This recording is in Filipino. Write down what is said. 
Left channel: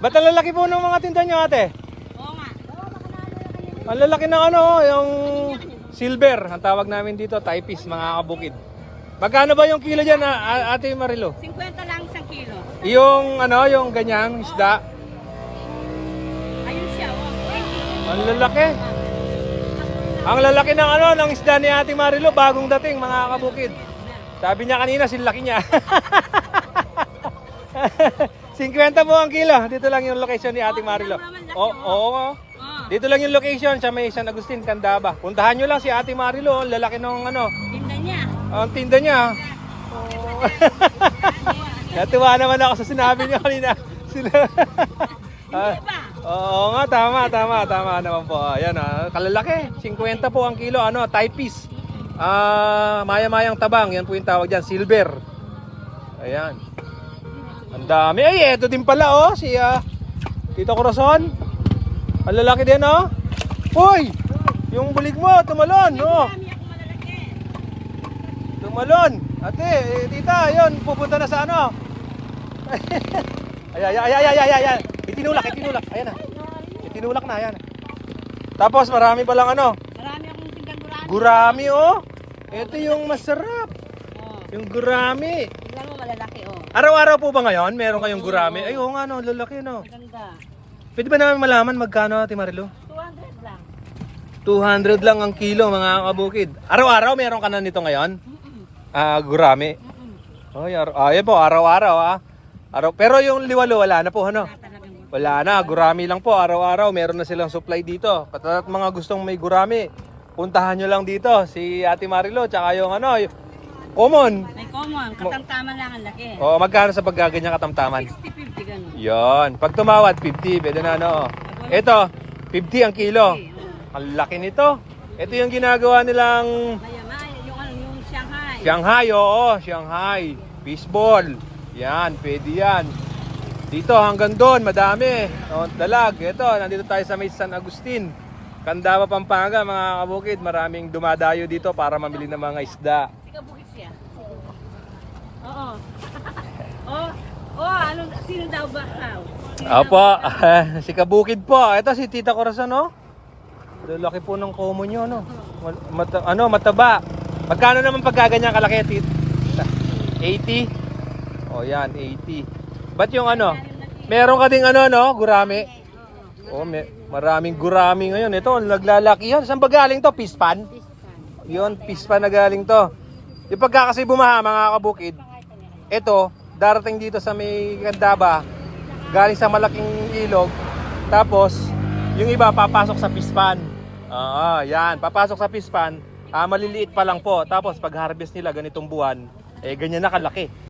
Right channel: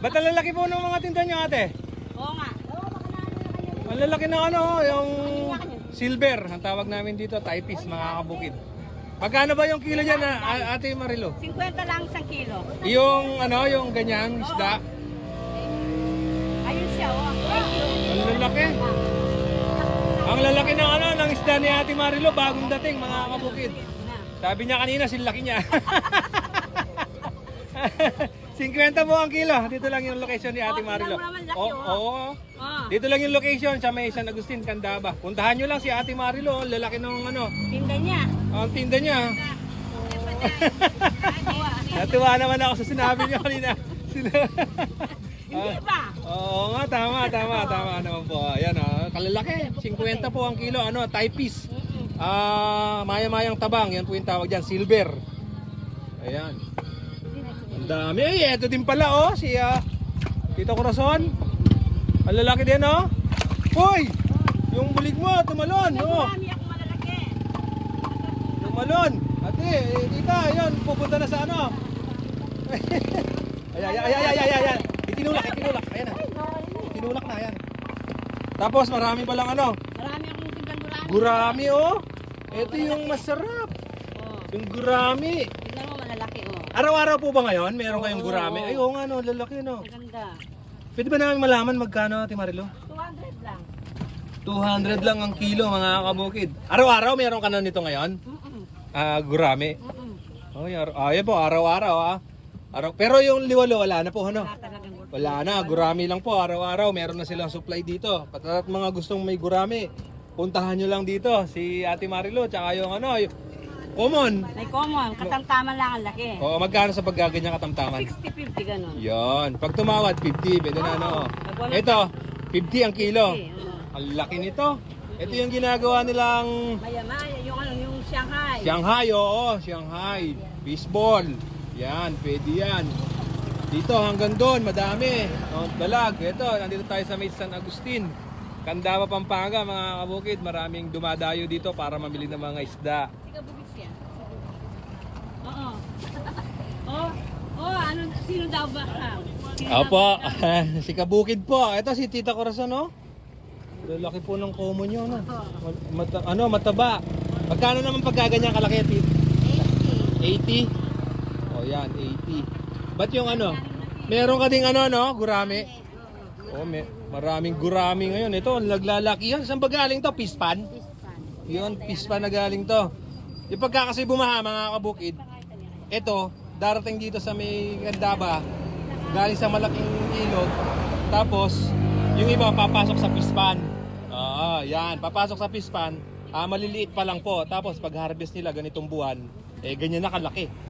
Ba't ang lalaki po ng mga tinda nyo, ate? Oo nga. Oo, makalalo na kayo. Ang lalaki ng ano, yung silver. Ang tawag namin dito, typist, mga kabukid. Magkano ba yung kilo dyan, ate Marilo? 50 lang isang kilo. Yung ano, yung ganyang isda. Ayun siya, oh. Ang lalaki. Ang lalaki ng ano, ng isda ni ate Marilo, bagong dating, mga kabukid. Sabi niya kanina, silaki niya. 50 po ang kilo. Dito lang yung location ni ate Marilo. Oo. Dito lang yung location sa may San Agustin, Candaba. Puntahan nyo lang si ate Marilo, ang lalaki ng ano. Tinda niya. Ang tinda niya. Natuwa naman ako sa sinabi niya kanina. Hindi ba? Oo nga, tama naman po. Ayan, kalalaki. 50 po ang kilo, ano, typist. Maya-mayang tabang, yan po yung tawag dyan, silver. Ayan. Ang dami. Ay, eto din pala, oh, si Tito Corazon. Ang lalaki din, oh. Hoy! Yung bulig mo, tumalon, oh. Marami ako malalaki. Tumalon. Ate, tita, yun, pupunta na sa ano. Ay. Itinulak. Ayan na. Itinulak na, ayan. Tapos marami palang ano. Marami akong tindang marami. Gurami, oh. Ito yung masarap. Oh. Yung gurami. Tignan mo malalaki, oh. Araw-araw po ba ngayon? Meron kayong gurami? Ay, oo nga, no. Lalaki, no. Maganda. Pwede ba namin malaman magkano, Ate Marilo? 200 lang. 200 lang ang kilo, mga kabukid. Araw-araw meron ka na nito ngayon? Gurami. Ayan po, araw-araw, Pero yung liwalo, wala na po, ano? Talagang Wala na, gurami lang po. Araw-araw, meron na silang supply dito. At mga gustong may gurami, puntahan nyo lang dito. Si Ate Marilo, tsaka yung ano, common. may common, katamtaman lang ang laki. O, magkano sa paggaganyan katamtaman? 60-50 ganun. Yon, pag tumawad, 50, pwede na, ano. Ito, 50 ang kilo. Ang laki nito. Ito yung ginagawa nilang Maya-maya, yung Shanghai. Shanghai, oo, Shanghai. Baseball. Yan, pwede yan. Dito hanggang doon, madami. Dalag. Ito, nandito tayo sa may San Agustin. Candaba, Pampanga, mga kabukid. Maraming dumadayo dito para mamili ng mga isda. Tigabukit siya. Oo. Ano, sino daw ba? Opo, si Kabukid po. Ito si Tita Corazon, no? Laki po ng common nyo, no? Mataba. Magkano naman pagkaganyan kalaki, Tita? 80? O yan, 80. Ba't yung ano? Meron ka ding ano, no? Gurami? O, maraming gurami ngayon. Ito, naglalaki yan. Saan ba galing to? Pispan? Yun, pispan na galing to. Yung pagka kasi bumaha, mga kabukid, ito, darating dito sa may Candaba, galing sa malaking ilog, tapos, yung iba papasok sa pispan. Yan, papasok sa pispan, maliliit pa lang po. Tapos, pag harvest nila ganitong buwan, ganyan na kalaki.